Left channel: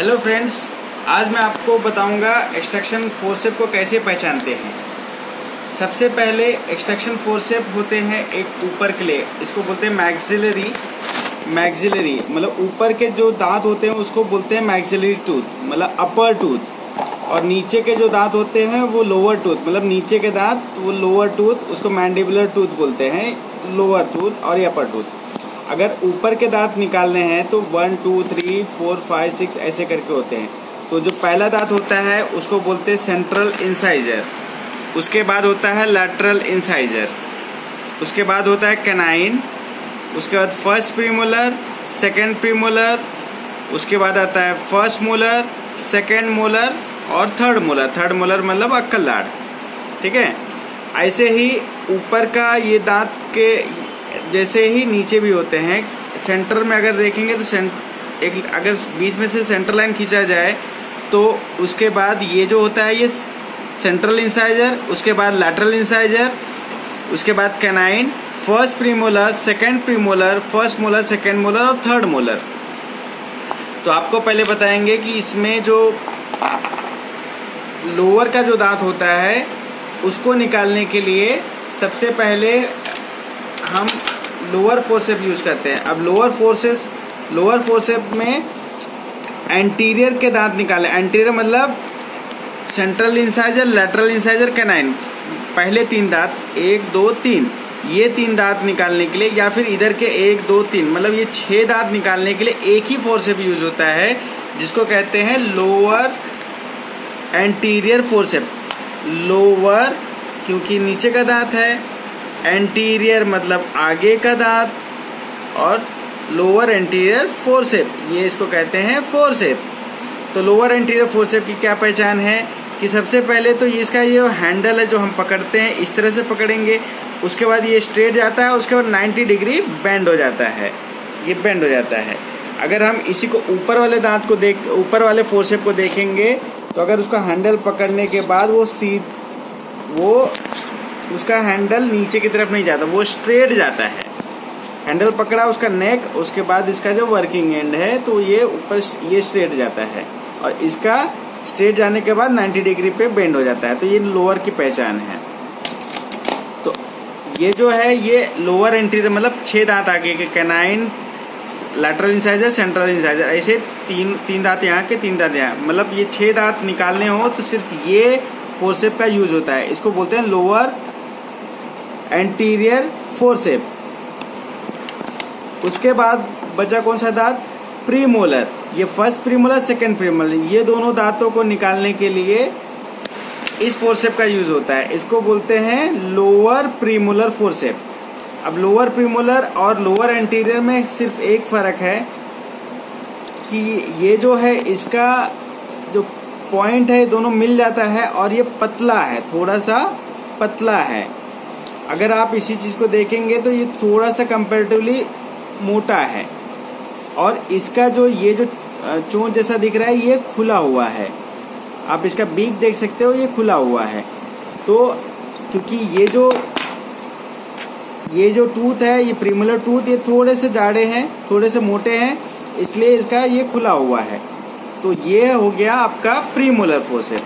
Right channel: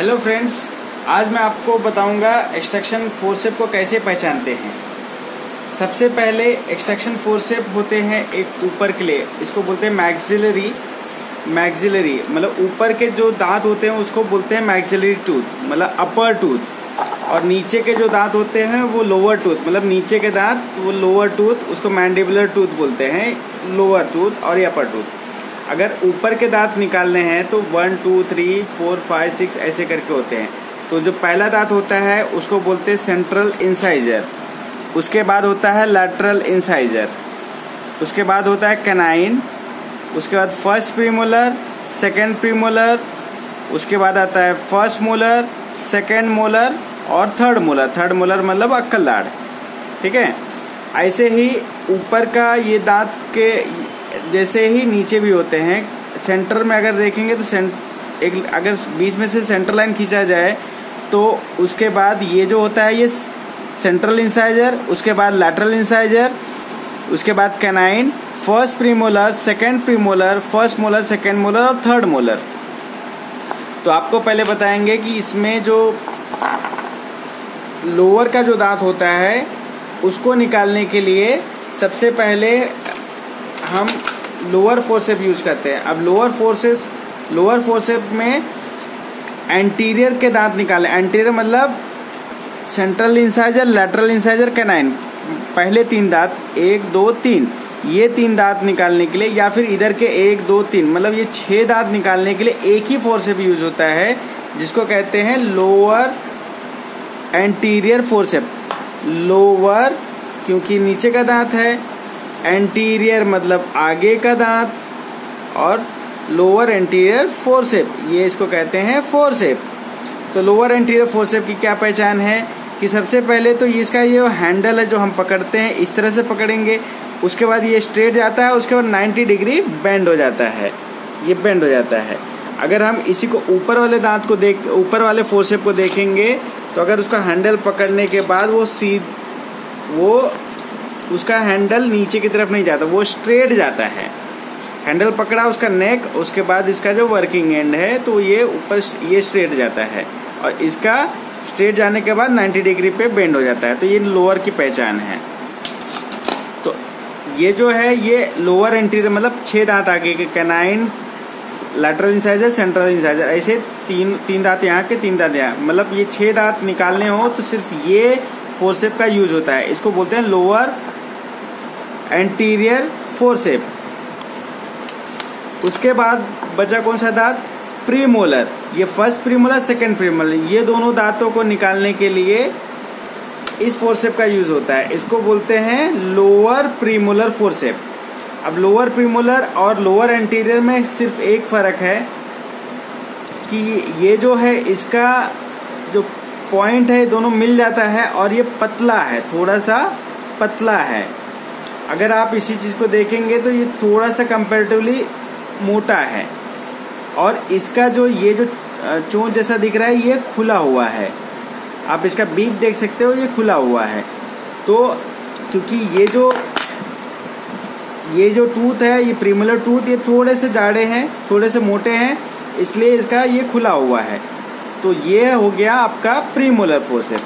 Hello friends, आज मैं आपको बताऊंगा एक्सट्रैक्शन फोर्सेप को कैसे पहचानते हैं। सबसे पहले एक्सट्रैक्शन फोर्सेप होते हैं एक ऊपर के लिए, इसको बोलते हैं मैक्सिलरी मतलब ऊपर के जो दांत होते हैं उसको बोलते हैं मैक्सिलरी टूथ मतलब अपर टूथ, और नीचे के जो दांत होते हैं वो लोअर टूथ मतलब नीचे के दांत वो लोअर टूथ, उसको मैंडिबुलर टूथ बोलते हैं, लोअर टूथ और ये अपर टूथ। अगर ऊपर के दांत निकालने हैं तो 1 2 3 4 5 6 ऐसे करके होते हैं। तो जो पहला दांत होता है उसको बोलते हैं सेंट्रल इंसाइजर, उसके बाद होता है लैटरल इंसाइजर, उसके बाद होता है कैनाइन, उसके बाद फर्स्ट प्रीमोलर, सेकेंड प्रीमोलर, उसके बाद आता है फर्स्ट मोलर, सेकेंड मोलर और थर्ड मोलर मतलब अक्कल दाढ़। ठीक है, ऐसे ही ऊपर का ये दांत के जैसे ही नीचे भी होते हैं। सेंटर में अगर देखेंगे तो अगर बीच में से सेंटर लाइन खींचा जाए तो उसके बाद ये जो होता है ये सेंट्रल इंसाइजर, उसके बाद लैटरल इंसाइजर, उसके बाद canine, first premolar, second premolar, first molar, second molar और थर्ड मोलर। तो आपको पहले बताएंगे कि इसमें जो लोअर का जो दांत होता है उसको निकालने के लिए सबसे पहले हम लोअर फोर्सेप यूज करते हैं। अब लोअर फोर्सेप में एंटीरियर के दांत निकाले। एंटीरियर मतलब central incisor, lateral incisor, canine, पहले 3 दांत 1 2 3, ये 3 दांत निकालने के लिए, या फिर इधर के 1 2 3 मतलब ये 6 दांत निकालने के लिए एक ही फोर्सेप यूज होता है जिसको कहते हैं लोअर एंटीरियर फोर्सेप। लोअर क्योंकि नीचे का दांत है, एंटीरियर मतलब आगे का दांत, और लोअर एंटीरियर फोर्सेप, ये इसको कहते हैं फोर्सेप। तो लोअर एंटीरियर फोर्सेप की क्या पहचान है कि सबसे पहले तो इसका ये हैंडल है जो हम पकड़ते हैं इस तरह से पकड़ेंगे, उसके बाद ये स्ट्रेट जाता है, उसके बाद 90 डिग्री बेंड हो जाता है, ये बेंड हो जाता है। अगर हम इसी को ऊपर वाले दांत को ऊपर वाले फोर्सेप को देखेंगे तो अगर उसका हैंडल पकड़ने के बाद वो उसका हैंडल नीचे की तरफ नहीं जाता, वो स्ट्रेट जाता है। हैंडल पकड़ा उसका नेक, उसके बाद इसका जो वर्किंग एंड है तो ये ऊपर ये स्ट्रेट जाता है, और इसका स्ट्रेट जाने के बाद 90 डिग्री पे बेंड हो जाता है। तो ये लोअर की पहचान है। तो ये जो है ये लोअर एंटीरियर मतलब 6 दांत आगे के, canine, lateral incisor, central incisor, ऐसे तीन दांत यहाँ के 3 दांत यहाँ, मतलब ये 6 दांत निकालने हो तो सिर्फ ये फोर्सेप का यूज होता है। इसको बोलते हैं लोअर एंटीरियर फोर्सेप। उसके बाद बचा कौन सा दांत? प्रीमोलर। ये फर्स्ट प्रीमोलर, सेकेंड प्रीमोलर, ये दोनों दांतों को निकालने के लिए इस फोर्सेप का यूज होता है। इसको बोलते हैं लोअर प्रीमोलर फोर्सेप। अब लोअर प्रीमोलर और लोअर एंटीरियर में सिर्फ एक फर्क है कि ये जो है इसका जो पॉइंट है दोनों मिल जाता है, और ये पतला है, थोड़ा सा पतला है। अगर आप इसी चीज को देखेंगे तो ये थोड़ा सा कंपैरेटिवली मोटा है, और इसका जो ये जो चोंच जैसा दिख रहा है ये खुला हुआ है। आप इसका बीक देख सकते हो, ये खुला हुआ है। तो क्योंकि ये जो टूथ है, ये प्रीमोलर टूथ, ये थोड़े से जाड़े हैं, थोड़े से मोटे हैं, इसलिए इसका ये खुला हुआ है। तो ये हो गया आपका प्रीमोलर फोर्सेप।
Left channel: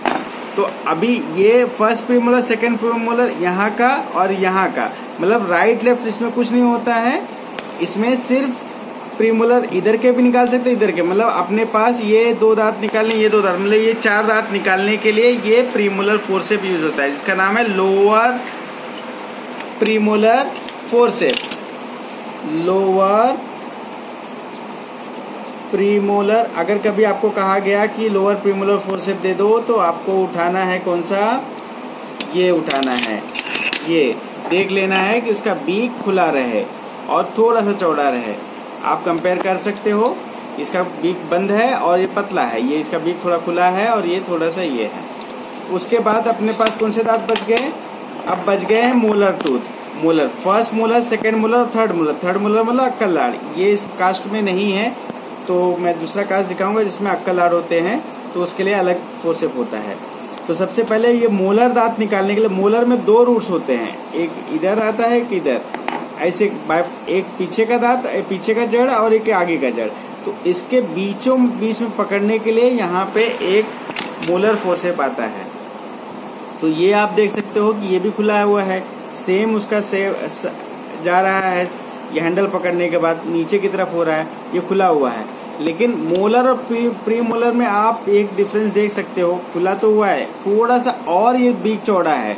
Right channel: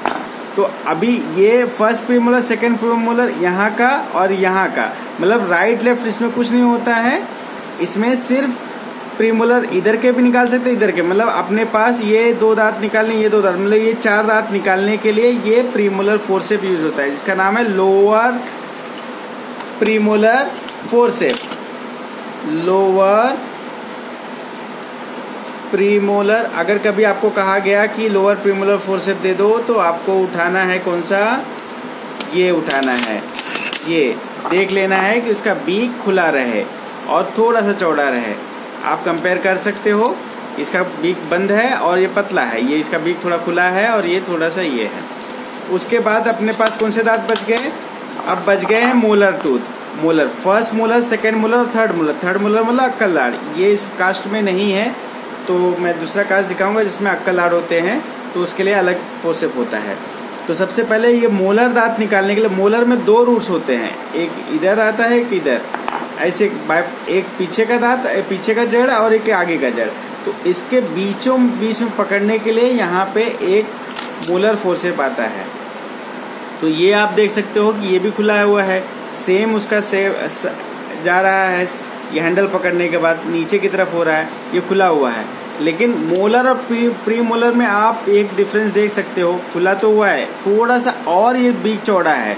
तो अभी ये फर्स्ट प्रीमोलर, सेकेंड प्रीमोलर यहाँ का और यहाँ का, मतलब राइट लेफ्ट इसमें कुछ नहीं होता है। इसमें सिर्फ प्रीमोलर इधर के भी निकाल सकते, इधर के, मतलब अपने पास ये 2 दांत निकालने, ये 2 दांत, मतलब ये 4 दांत निकालने के लिए ये प्रीमोलर फोर्सेप यूज होता है, जिसका नाम है lower premolar forcep. Lower premolar. अगर कभी आपको कहा गया कि लोअर प्रीमोलर फोर्सेप दे दो तो आपको उठाना है कौन सा? ये उठाना है, ये देख लेना है कि उसका बीक खुला रहे और थोड़ा सा चौड़ा रहे। आप कंपेयर कर सकते हो, इसका बीक बंद है और ये पतला है, ये इसका बीक थोड़ा खुला है और ये थोड़ा सा ये है। उसके बाद अपने पास कौन से दांत बच गए? अब बच गए हैं molar tooth. Molar, first molar, second molar और थर्ड मोलर। थर्ड मोलर मतलब अक्कल दाढ़। ये इस कास्ट में नहीं है, तो मैं दूसरा कास्ट दिखाऊंगा जिसमें अक्कल दाढ़ होते हैं, तो उसके लिए अलग फोर्सेप होता है। तो सबसे पहले ये मोलर दांत निकालने के लिए, मोलर में 2 रूट्स होते हैं, एक इधर आता है, एक इधर, ऐसे एक पीछे का दांत, पीछे का जड़ और एक आगे का जड़। तो इसके बीचों बीच में पकड़ने के लिए यहाँ पे एक मोलर फोर्सेप आता है। तो ये आप देख सकते हो कि ये भी खुला हुआ है, सेम उसका जा रहा है, ये हैंडल पकड़ने के बाद नीचे की तरफ हो रहा है, ये खुला हुआ है। लेकिन मोलर और प्री मोलर में आप एक डिफरेंस देख सकते हो, खुला तो हुआ है थोड़ा सा और ये बीक चौड़ा है।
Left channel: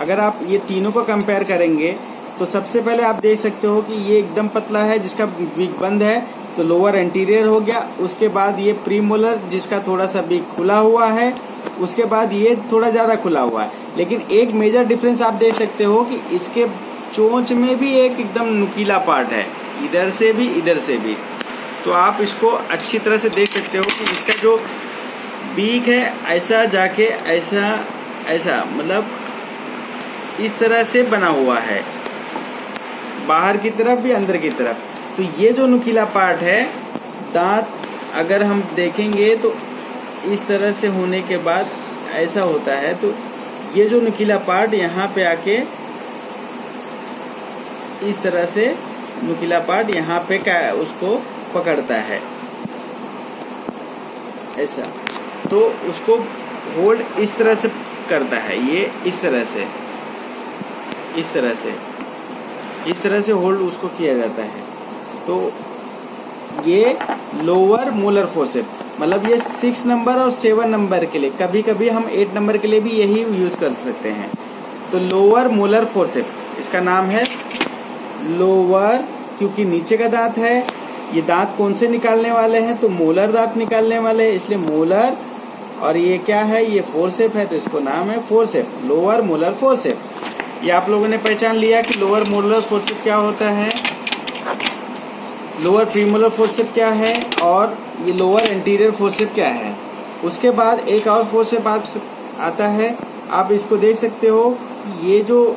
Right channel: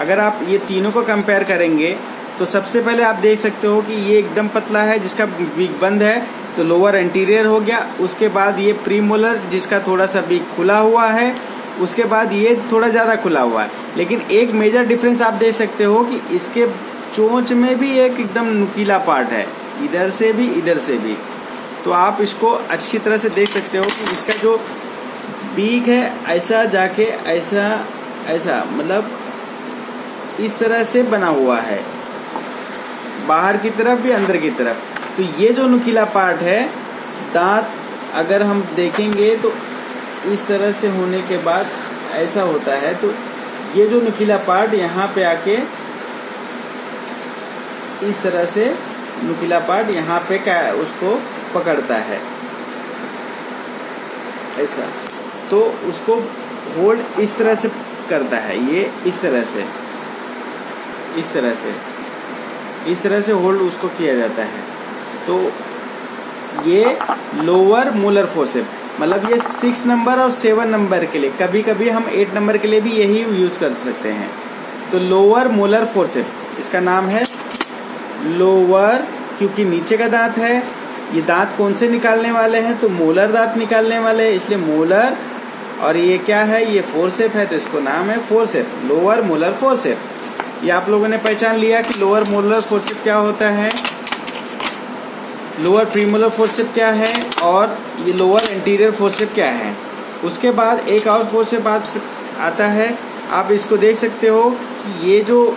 अगर आप ये तीनों को कंपेयर करेंगे तो सबसे पहले आप देख सकते हो कि ये एकदम पतला है जिसका बीक बंद है, तो लोअर एंटीरियर हो गया। उसके बाद ये प्री मोलर जिसका थोड़ा सा बीक खुला हुआ है, उसके बाद ये थोड़ा ज्यादा खुला हुआ है। लेकिन एक मेजर डिफरेंस आप देख सकते हो कि इसके चोंच में भी एक एकदम नुकीला पार्ट है, इधर से भी इधर से भी। तो आप इसको अच्छी तरह से देख सकते हो कि इसका जो बीक है ऐसा जाके ऐसा ऐसा मतलब इस तरह से बना हुआ है, बाहर की तरफ भी अंदर की तरफ। तो ये जो नुकीला पार्ट है, दांत अगर हम देखेंगे तो इस तरह से होने के बाद ऐसा होता है। तो ये जो नुकीला पार्ट यहाँ पे आके इस तरह से नुकीला पार्ट यहाँ पे क्या उसको पकड़ता है ऐसा, तो उसको होल्ड इस तरह से करता है। ये इस तरह से होल्ड उसको किया जाता है। तो ये लोअर मोलर फोर्सेप, मतलब ये 6 नंबर और 7 नंबर के लिए, कभी कभी हम 8 नंबर के लिए भी यही यूज कर सकते हैं। तो लोअर मोलर फोर्सेप, इसका नाम है लोअर, क्योंकि नीचे का दांत है। ये दांत कौन से निकालने वाले हैं? तो मोलर दांत निकालने वाले हैं, इसलिए मोलर। और ये क्या है? ये फोर्सेप है, तो इसको नाम है फोर्सेप, लोअर मोलर फोर्सेप। ये आप लोगों ने पहचान लिया कि लोअर मोलर फोर्सेप क्या होता है, लोअर प्रीमोलर फोर्सेप क्या है, और ये लोअर एंटीरियर फोर्सेप क्या है। उसके बाद एक और फोर्सेप आता है, आप इसको देख सकते हो कि ये जो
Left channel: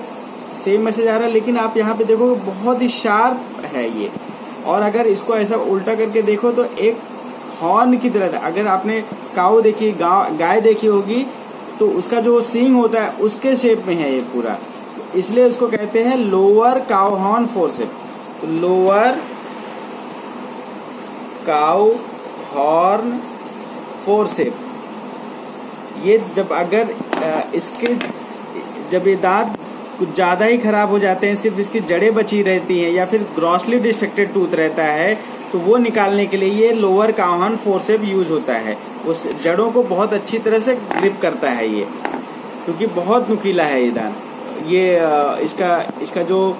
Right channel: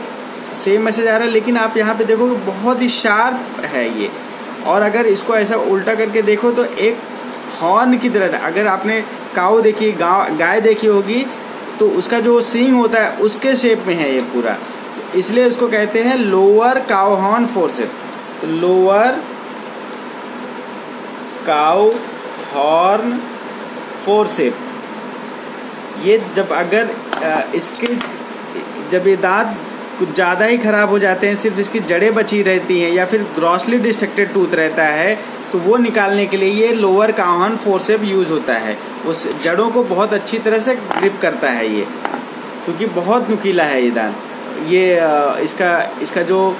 सेम मैसेज आ रहा है, लेकिन आप यहाँ पे देखो बहुत ही शार्प है ये। और अगर इसको ऐसा उल्टा करके देखो तो एक हॉर्न की तरह था। अगर आपने काऊ देखी, गाय देखी होगी, तो उसका जो सींग होता है उसके शेप में है ये पूरा, तो इसलिए उसको कहते हैं लोअर काऊ हॉर्न फोर्सेप। तो लोअर काऊ हॉर्न फोर्सेप, ये जब अगर इसके जब ये दांत कुछ ज्यादा ही खराब हो जाते हैं, सिर्फ इसकी जड़ें बची रहती हैं या फिर ग्रॉसली डिस्ट्रक्टेड टूथ रहता है, तो वो निकालने के लिए ये lower cow horn forceps use होता है। उस जड़ों को बहुत अच्छी तरह से ग्रिप करता है ये, क्योंकि बहुत नुकीला है ये दांत। ये इसका जो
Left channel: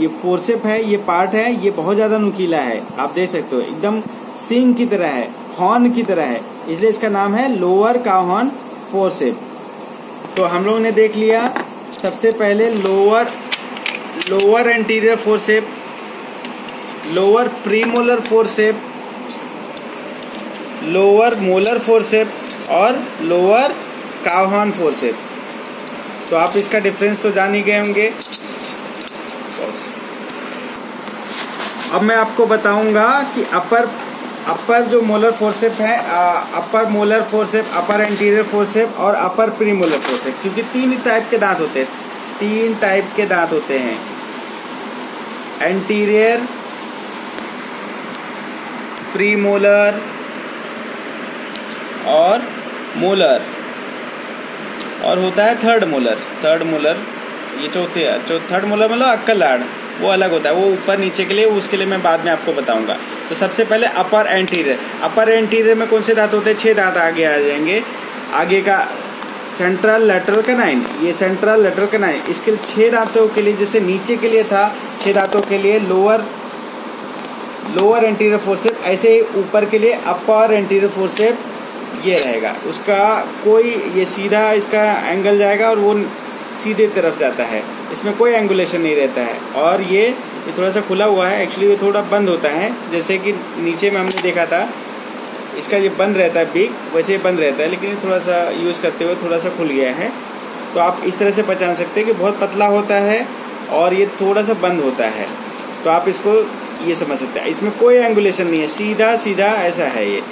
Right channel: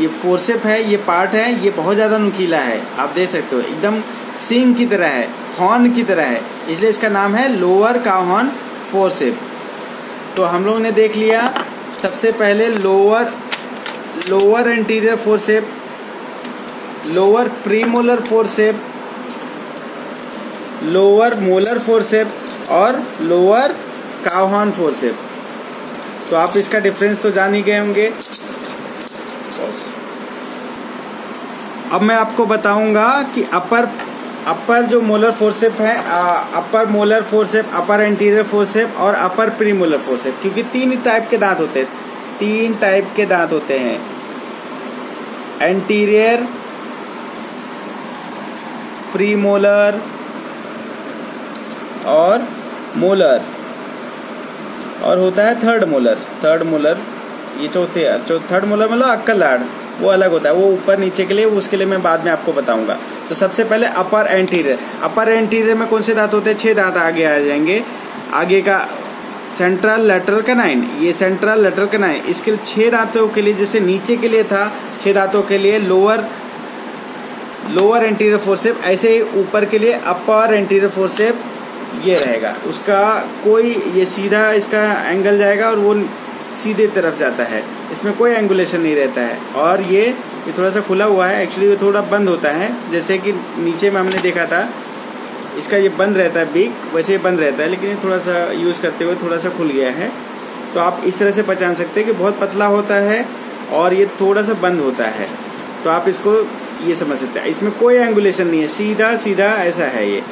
ये फोर्सेप है, ये पार्ट है, ये बहुत ज्यादा नुकीला है। आप देख सकते हो एकदम सींग की तरह है, हॉर्न की तरह है, इसलिए इसका नाम है लोअर काऊ हॉर्न फोर्सेप। तो हम लोग ने देख लिया सबसे पहले lower anterior forcep, lower premolar forcep, lower molar forcep और लोअर काऊ हॉर्न फोर्सेप। तो आप इसका डिफरेंस तो जान ही गए होंगे। अब मैं आपको बताऊंगा कि अपर जो मोलर फोर्सेप है, अपर मोलर फोर्सेप, अपर एंटीरियर फोर्सेप और अपर प्रीमोलर फोर्सेप, क्योंकि 3 टाइप के दांत होते हैं। 3 टाइप के दांत होते हैं, एंटीरियर, प्रीमोलर और मोलर, और होता है थर्ड मोलर। ये थर्ड मोलर मतलब अक्कल दाढ़, वो अलग होता है, वो ऊपर नीचे के लिए, उसके लिए मैं बाद में आपको बताऊंगा। तो सबसे पहले अपर एंटीरियर में कौन से दांत होते हैं? 6 दांत आगे आ जाएंगे। आगे का सेंट्रल लेटरल कैनाइन, ये सेंट्रल लेटरल कैनाइन, इसके लिए 6 दांतों के लिए, जैसे नीचे के लिए था 6 दांतों के लिए लोअर एंटीरियर फोर्सेप, ऐसे ही ऊपर के लिए अपर एंटीरियर फोर्सेप ये रहेगा। उसका कोई ये सीधा इसका एंगल जाएगा और वो सीधे तरफ जाता है, इसमें कोई एंगुलेशन नहीं रहता है। और ये थोड़ा सा खुला हुआ है, एक्चुअली ये थोड़ा बंद होता है, जैसे कि नीचे में हमने देखा था इसका ये बंद रहता है बीक, वैसे ये बंद रहता है, लेकिन ये थोड़ा सा यूज करते हुए थोड़ा सा खुल गया है। तो आप इस तरह से पहचान सकते हैं कि बहुत पतला होता है और ये थोड़ा सा बंद होता है। तो आप इसको ये समझ सकते हैं, इसमें कोई एंगुलेशन नहीं है, सीधा सीधा ऐसा है ये।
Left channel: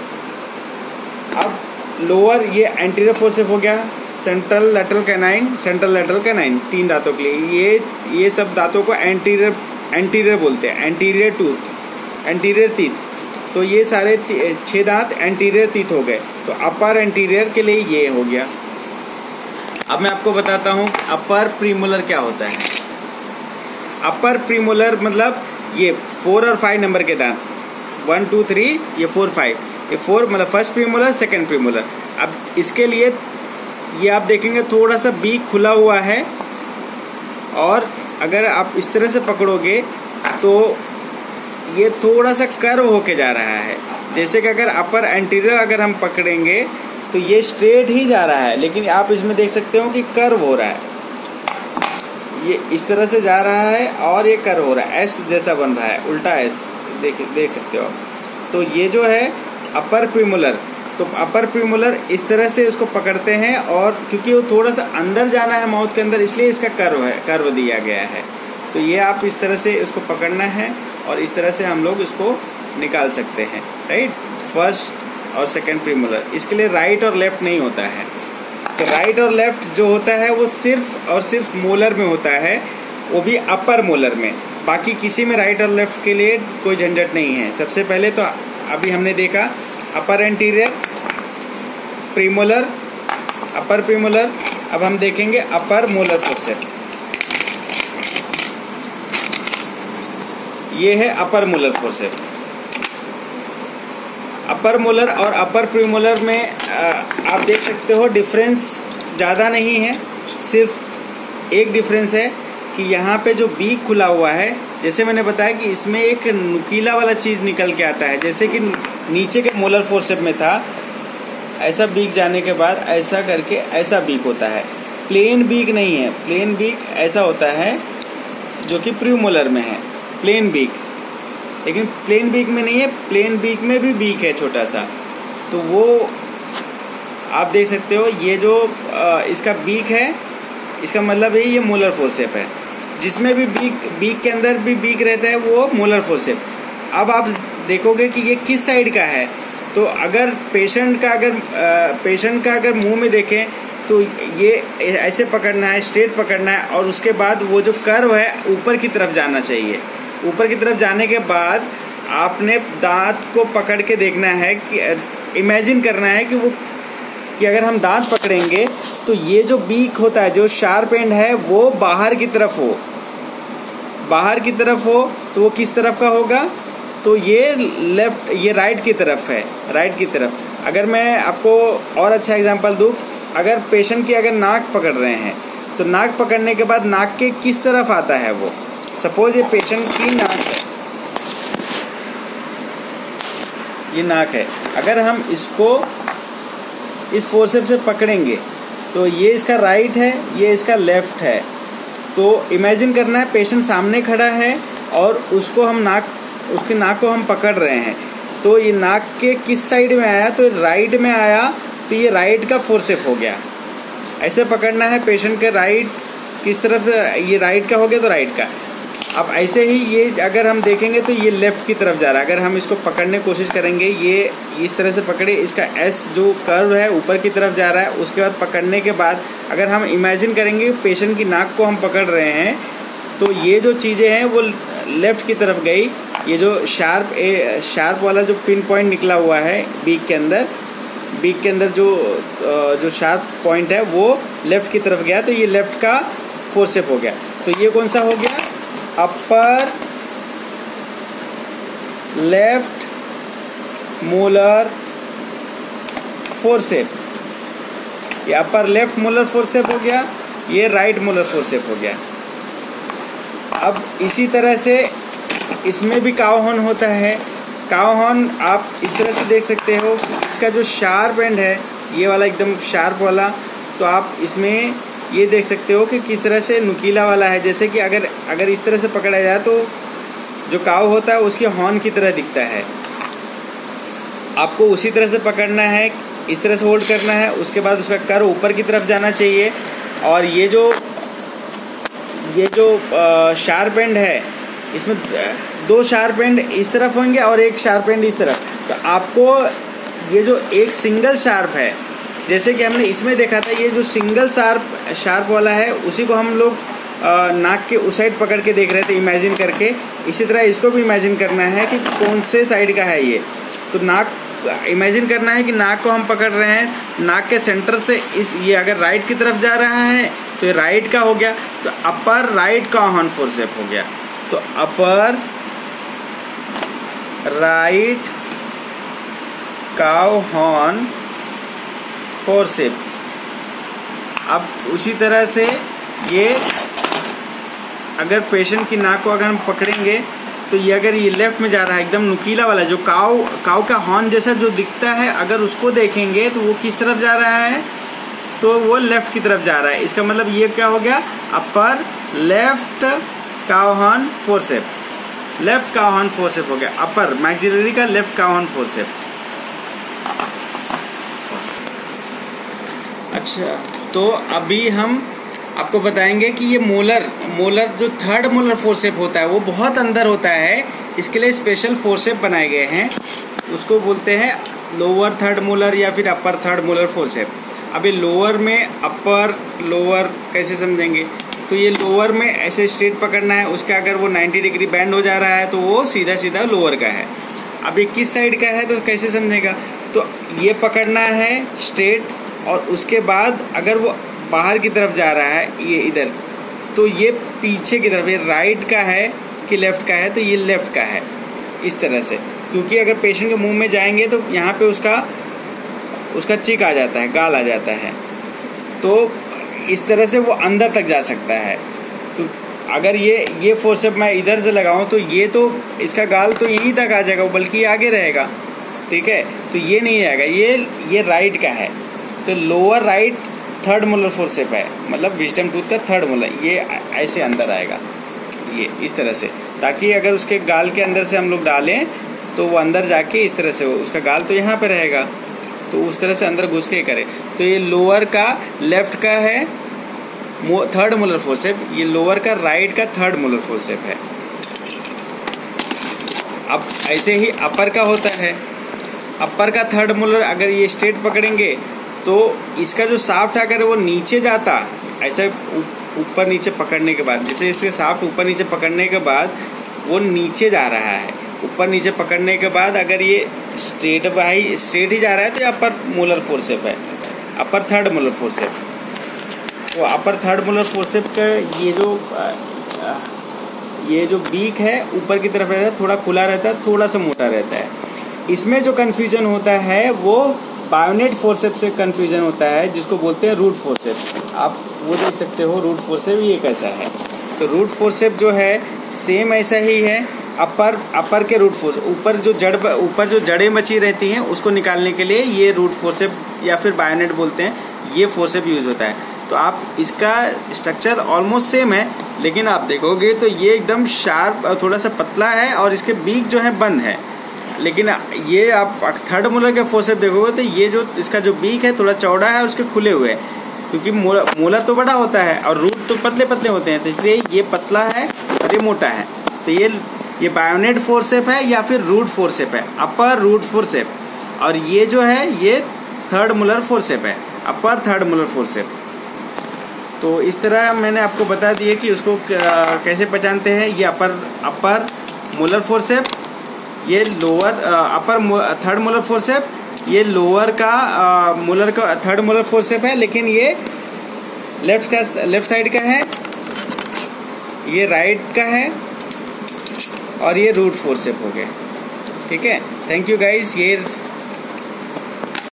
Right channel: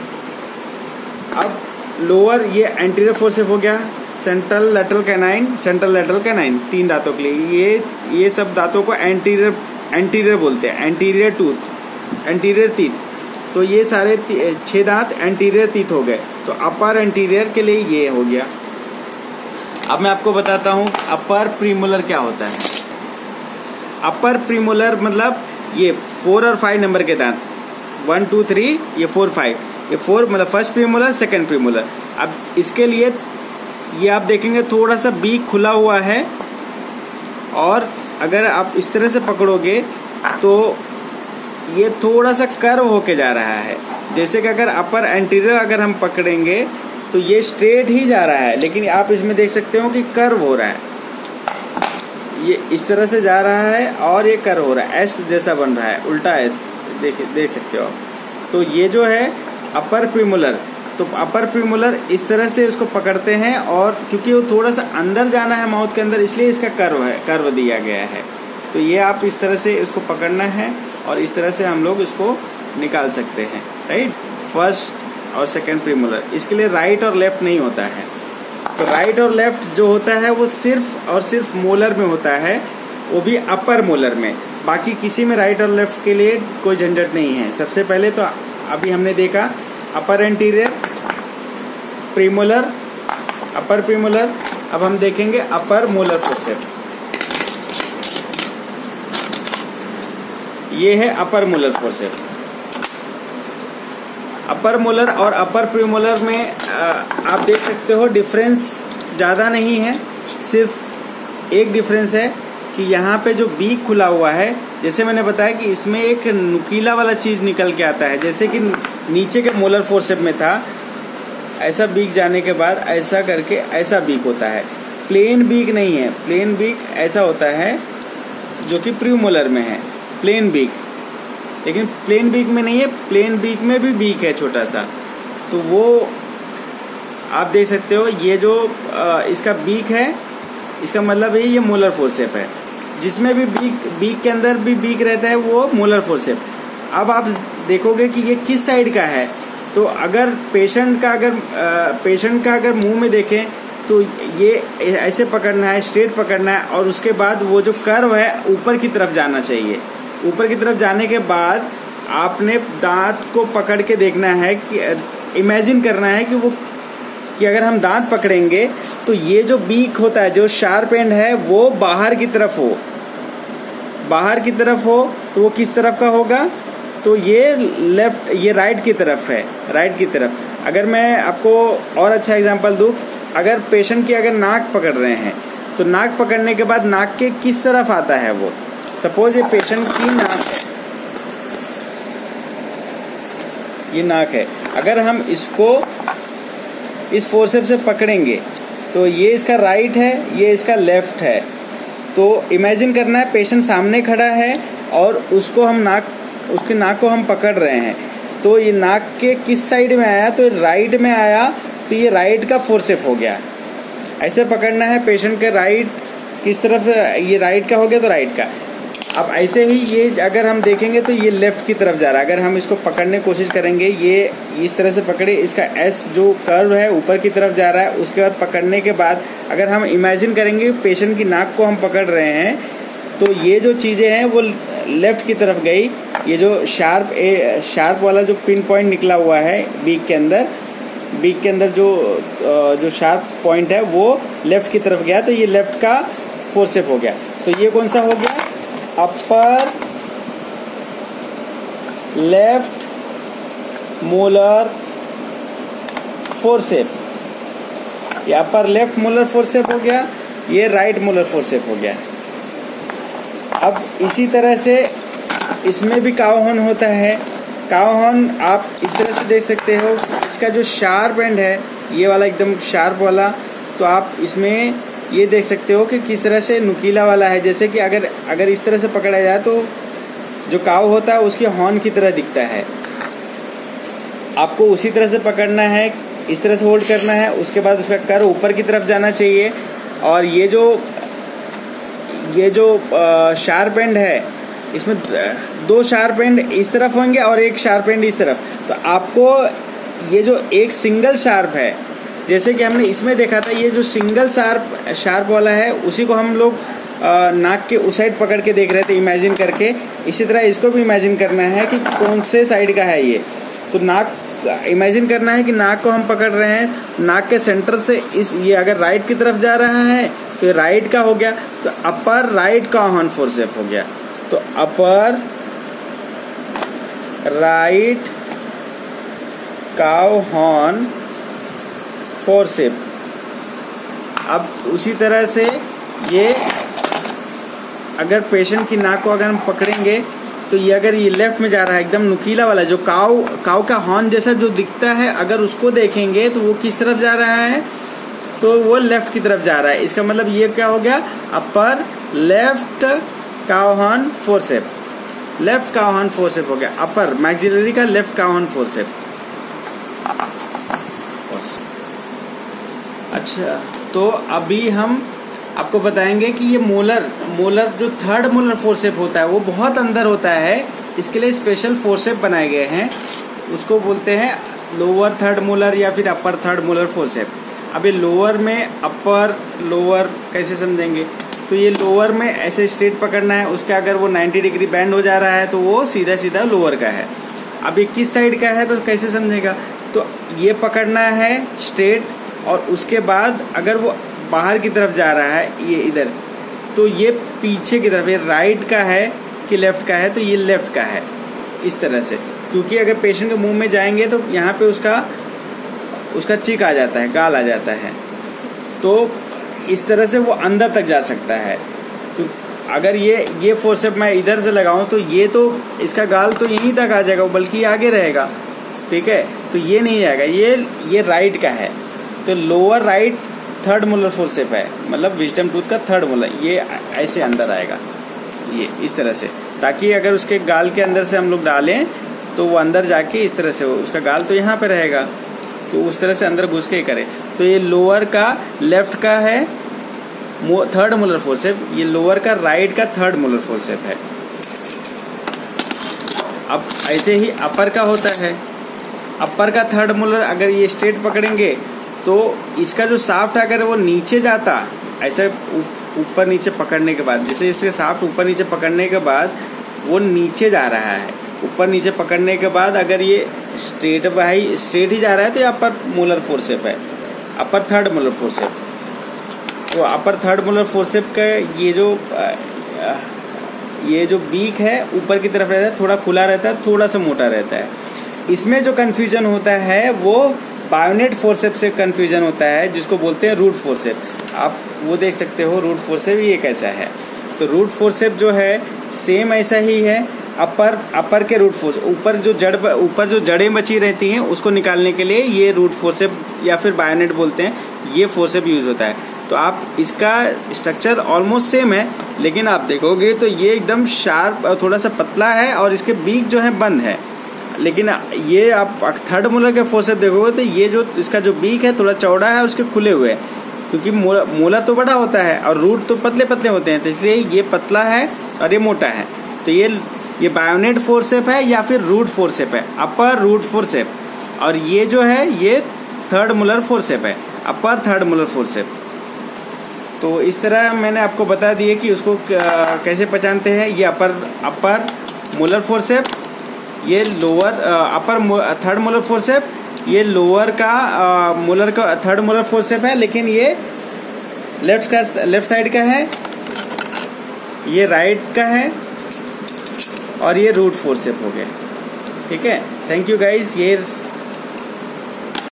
अब लोअर ये एंटीरियर फोर्सेप हो गया, सेंट्रल लेटरल कैनाइन 3 दांतों के लिए, ये सब दांतों को एंटीरियर बोलते हैं, एंटीरियर टीथ। तो ये सारे 6 दांत एंटीरियर टीथ हो गए। तो अपर एंटीरियर के लिए ये हो गया। अब मैं आपको बताता हूँ अपर प्रीमोलर क्या होता है। अपर प्रीमोलर मतलब ये 4 और 5 नंबर के दांत, 1 2 3, ये 4 5, ये 4 मतलब फर्स्ट प्रीमोलर, सेकंड प्रीमोलर। अब इसके लिए ये आप देखेंगे थोड़ा सा बीक खुला हुआ है, और अगर आप इस तरह से पकड़ोगे तो ये थोड़ा सा कर्व होके जा रहा है। जैसे कि अगर अपर एंटीरियर अगर हम पकड़ेंगे तो ये स्ट्रेट ही जा रहा है, लेकिन आप इसमें देख सकते हो कि कर्व हो रहा है। ये इस तरह से जा रहा है और ये कर्व हो रहा है, एस जैसा बन रहा है, उल्टा एस देख सकते हो। तो ये जो है अपर प्रीमोलर, तो अपर प्रीमोलर इस तरह से इसको पकड़ते हैं, और क्योंकि वो थोड़ा सा अंदर जाना है माउथ के अंदर, इसलिए इसका कर्व दिया गया है। तो ये आप इस तरह से इसको पकड़ना है और इस तरह से हम लोग इसको निकाल सकते हैं, राइट। फर्स्ट और सेकंड प्रीमोलर, इसके लिए राइट और लेफ्ट नहीं होता है। तो राइट और लेफ्ट जो होता है वो सिर्फ और सिर्फ मोलर में होता है, वो भी अपर मोलर में। बाकी किसी में राइट और लेफ्ट के लिए कोई झंझट नहीं है। सबसे पहले तो अभी हमने देखा अपर एंटीरियर, प्रीमोलर, अपर प्रीमोलर। अब हम देखेंगे अपर मोलर फोर्सेप्स। ये है अपर मोलर फोर्सेप्स। अपर मोलर और अपर प्रीमोलर में आप देख सकते हो डिफरेंस ज्यादा नहीं है, सिर्फ एक डिफरेंस है कि यहाँ पे जो बीक खुला हुआ है, जैसे मैंने बताया कि इसमें एक नुकीला वाला चीज निकल के आता है, जैसे कि नीचे के मोलर फोर्सेप्स में था, ऐसा बीक जाने के बाद ऐसा करके ऐसा बीक होता है। प्लेन बीक नहीं है, प्लेन बीक ऐसा होता है जो कि प्रीमोलर में है, प्लेन बीक। लेकिन प्लेन बीक में नहीं है, प्लेन बीक में भी बीक है छोटा सा। तो वो आप देख सकते हो, ये जो इसका बीक है, इसका मतलब है ये मोलर फोर्सेप है। जिसमें भी बीक के अंदर भी बीक रहता है वो मोलर फोर्सेप। अब आप देखोगे कि ये किस साइड का है। तो अगर पेशेंट का अगर मुंह में देखें तो ये ऐसे पकड़ना है, स्ट्रेट पकड़ना है, और उसके बाद वो जो कर्व है ऊपर की तरफ जाना चाहिए। ऊपर की तरफ जाने के बाद आपने दांत को पकड़ के देखना है कि इमेजिन करना है कि अगर हम दांत पकड़ेंगे तो ये जो बीक होता है, जो शार्प एंड है, वो बाहर की तरफ हो। बाहर की तरफ हो तो वो किस तरफ का होगा? तो ये लेफ्ट, ये राइट की तरफ है, राइट की तरफ। अगर मैं आपको और अच्छा एग्जांपल दूं, अगर पेशेंट की अगर नाक पकड़ रहे हैं तो नाक पकड़ने के बाद नाक के किस तरफ आता है वो। सपोज ये पेशेंट की नाक है, ये नाक है, अगर हम इसको इस फोर्सेप्स से पकड़ेंगे तो ये इसका राइट है, ये इसका लेफ्ट है। तो इमेजिन करना है पेशेंट सामने खड़ा है और उसकी नाक को हम पकड़ रहे हैं। तो ये नाक के किस साइड में आया? तो राइट में आया, तो ये राइट का फोर्सेप हो गया। ऐसे पकड़ना है पेशेंट के राइट किस तरफ, ये राइट का हो गया तो राइट का। अब ऐसे ही ये अगर हम देखेंगे तो ये लेफ्ट की तरफ जा रहा है। अगर हम इसको पकड़ने की कोशिश करेंगे, ये इस तरह से पकड़े, इसका एस जो कर्व है ऊपर की तरफ जा रहा है। उसके बाद पकड़ने के बाद अगर हम इमेजिन करेंगे पेशेंट की नाक को हम पकड़ रहे हैं, तो ये जो चीजें हैं वो लेफ्ट की तरफ गई। ये जो शार्प वाला जो पिन पॉइंट निकला हुआ है बीक के अंदर जो शार्प पॉइंट है वो लेफ्ट की तरफ गया, तो ये लेफ्ट का फोर्सेप हो गया। तो ये कौन सा हो गया? Upper left molar forcep. ये अपर लेफ्ट मोलर फोर्सेप हो गया, ये राइट मोलर फोर्सेप हो गया। अब इसी तरह से इसमें भी काव हॉर्न होता है। काव हॉर्न आप इस तरह से देख सकते हो, इसका जो शार्प एंड है, ये वाला एकदम शार्प वाला, तो आप इसमें ये देख सकते हो कि किस तरह से नुकीला वाला है। जैसे कि अगर इस तरह से पकड़ा जाए तो जो काव होता है उसके हॉर्न की तरह दिखता है। आपको उसी तरह से पकड़ना है, इस तरह से होल्ड करना है, उसके बाद उसका कर्व ऊपर की तरफ जाना चाहिए। और ये जो शार्प एंड है, इसमें 2 शार्प एंड इस तरफ होंगे और एक शार्प एंड इस तरफ। तो आपको ये जो एक सिंगल शार्प है, जैसे कि हमने इसमें देखा था, ये जो सिंगल शार्प वाला है उसी को हम लोग नाक के उस साइड पकड़ के देख रहे थे इमेजिन करके। इसी तरह इसको भी इमेजिन करना है कि कौन से साइड का है ये। तो नाक इमेजिन करना है कि नाक को हम पकड़ रहे हैं, नाक के सेंटर से ये अगर राइट की तरफ जा रहा है तो ये राइट का हो गया, तो upper right cow horn forcep हो गया। तो upper right cow horn forcep. अब उसी तरह से ये अगर पेशेंट की नाक को अगर हम पकड़ेंगे तो ये अगर ये लेफ्ट में जा रहा है, एकदम नुकीला वाला जो काऊ का हॉर्न जैसा जो दिखता है, अगर उसको देखेंगे तो वो किस तरफ जा रहा है, तो वो लेफ्ट की तरफ जा रहा है। इसका मतलब ये क्या हो गया, upper left cow horn forcep, left cow horn forcep हो गया, अपर मैक्सिलरी का लेफ्ट काउ हॉर्न फोर्सेप। अच्छा, तो अभी हम आपको बताएंगे कि ये मोलर जो थर्ड मोलर फोर्सेप होता है वो बहुत अंदर होता है, इसके लिए स्पेशल फोर्सेप बनाए गए हैं, उसको बोलते हैं लोअर थर्ड मोलर या फिर अपर थर्ड मोलर फोर्सेप। अब ये लोअर में अपर लोअर कैसे समझेंगे, तो ये लोअर में ऐसे स्ट्रेट पकड़ना है, उसका अगर वो 90 डिग्री बैंड हो जा रहा है तो वो सीधा सीधा लोअर का है। अब ये किस साइड का है तो कैसे समझेगा, तो ये पकड़ना है स्ट्रेट, और उसके बाद अगर वो बाहर की तरफ जा रहा है ये इधर, तो ये पीछे की तरफ, ये राइट का है कि लेफ्ट का है, तो ये लेफ्ट का है, इस तरह से। क्योंकि अगर पेशेंट के मुंह में जाएंगे तो यहाँ पे उसका चिक आ जाता है, गाल आ जाता है, तो इस तरह से वो अंदर तक जा सकता है। तो अगर ये फोर्सेप मैं इधर से लगाऊं तो ये तो इसका गाल तो यहीं तक आ जाएगा, बल्कि आगे रहेगा, ठीक है, तो ये नहीं आएगा, ये राइट का है, तो lower right third molar forcep है, मतलब विजडम टूथ का थर्ड मोलर, ये ऐसे अंदर आएगा, ये इस तरह से, ताकि अगर उसके गाल के अंदर से हम लोग डालें तो वो अंदर जाके इस तरह से, उसका गाल तो यहाँ पे रहेगा, तो उस तरह से अंदर घुस के करे। तो ये लोअर का लेफ्ट का है थर्ड मोलर फोर्सेप, ये लोअर का राइट का थर्ड मोलर फोर्सेप है। अब ऐसे ही अपर का होता है, अपर का थर्ड मोलर अगर ये स्ट्रेट पकड़ेंगे तो इसका जो साफ्ट अगर वो नीचे जाता, ऐसे ऊपर नीचे पकड़ने के बाद, जैसे इसके साफ्ट ऊपर नीचे पकड़ने के बाद वो नीचे जा रहा है, ऊपर नीचे पकड़ने के बाद अगर ये स्ट्रेट ही जा रहा है तो ये अपर मोलर फोर्सेप है, अपर थर्ड मोलर फोर्सेप। तो अपर थर्ड मोलर फोर्सेप का ये जो बीक है ऊपर की तरफ रहता है, थोड़ा खुला रहता है, थोड़ा सा मोटा रहता है। इसमें जो कंफ्यूजन होता है वो बायोनेट फोर्सेप से कंफ्यूजन होता है, जिसको बोलते हैं रूट फोर्सेप। आप वो देख सकते हो रूट फोर्सेप ये कैसा है। तो रूट फोर्सेप जो है सेम ऐसा ही है, अपर के रूट फोर्स, ऊपर जो जड़ें बची रहती हैं उसको निकालने के लिए ये रूट फोर्सेप या फिर बायोनेट बोलते हैं, ये फोर्सेप यूज होता है। तो आप इसका स्ट्रक्चर ऑलमोस्ट सेम है, लेकिन आप देखोगे तो ये एकदम शार्प और थोड़ा सा पतला है, और इसके बीक जो है बंद है। लेकिन ये आप थर्ड मोलर के फोर्सेप देखोगे तो ये जो इसका जो बीक है थोड़ा चौड़ा है, उसके खुले हुए हैं, क्योंकि मोलर तो बड़ा होता है और रूट तो पतले पतले होते हैं, तो इसलिए ये पतला है और ये मोटा है। तो ये बायोनेट फोर्सेप है या फिर रूट फोर्सेप है, अपर रूट फोर्सेप। और ये जो है ये थर्ड मोलर फोर्सेप है, अपर थर्ड मोलर फोर्सेप। तो इस तरह मैंने आपको बता दिया कि उसको कैसे पहचानते हैं। ये अपर मोलर फोर्सेप, ये lower upper third molar forcep, ये लोअर का मोलर का थर्ड मोलर फोर्सेप है, लेकिन ये लेफ्ट साइड का है, ये राइट का है, और ये रूट फोर्सेप हो गया। ठीक है, थैंक यू गाइस। ये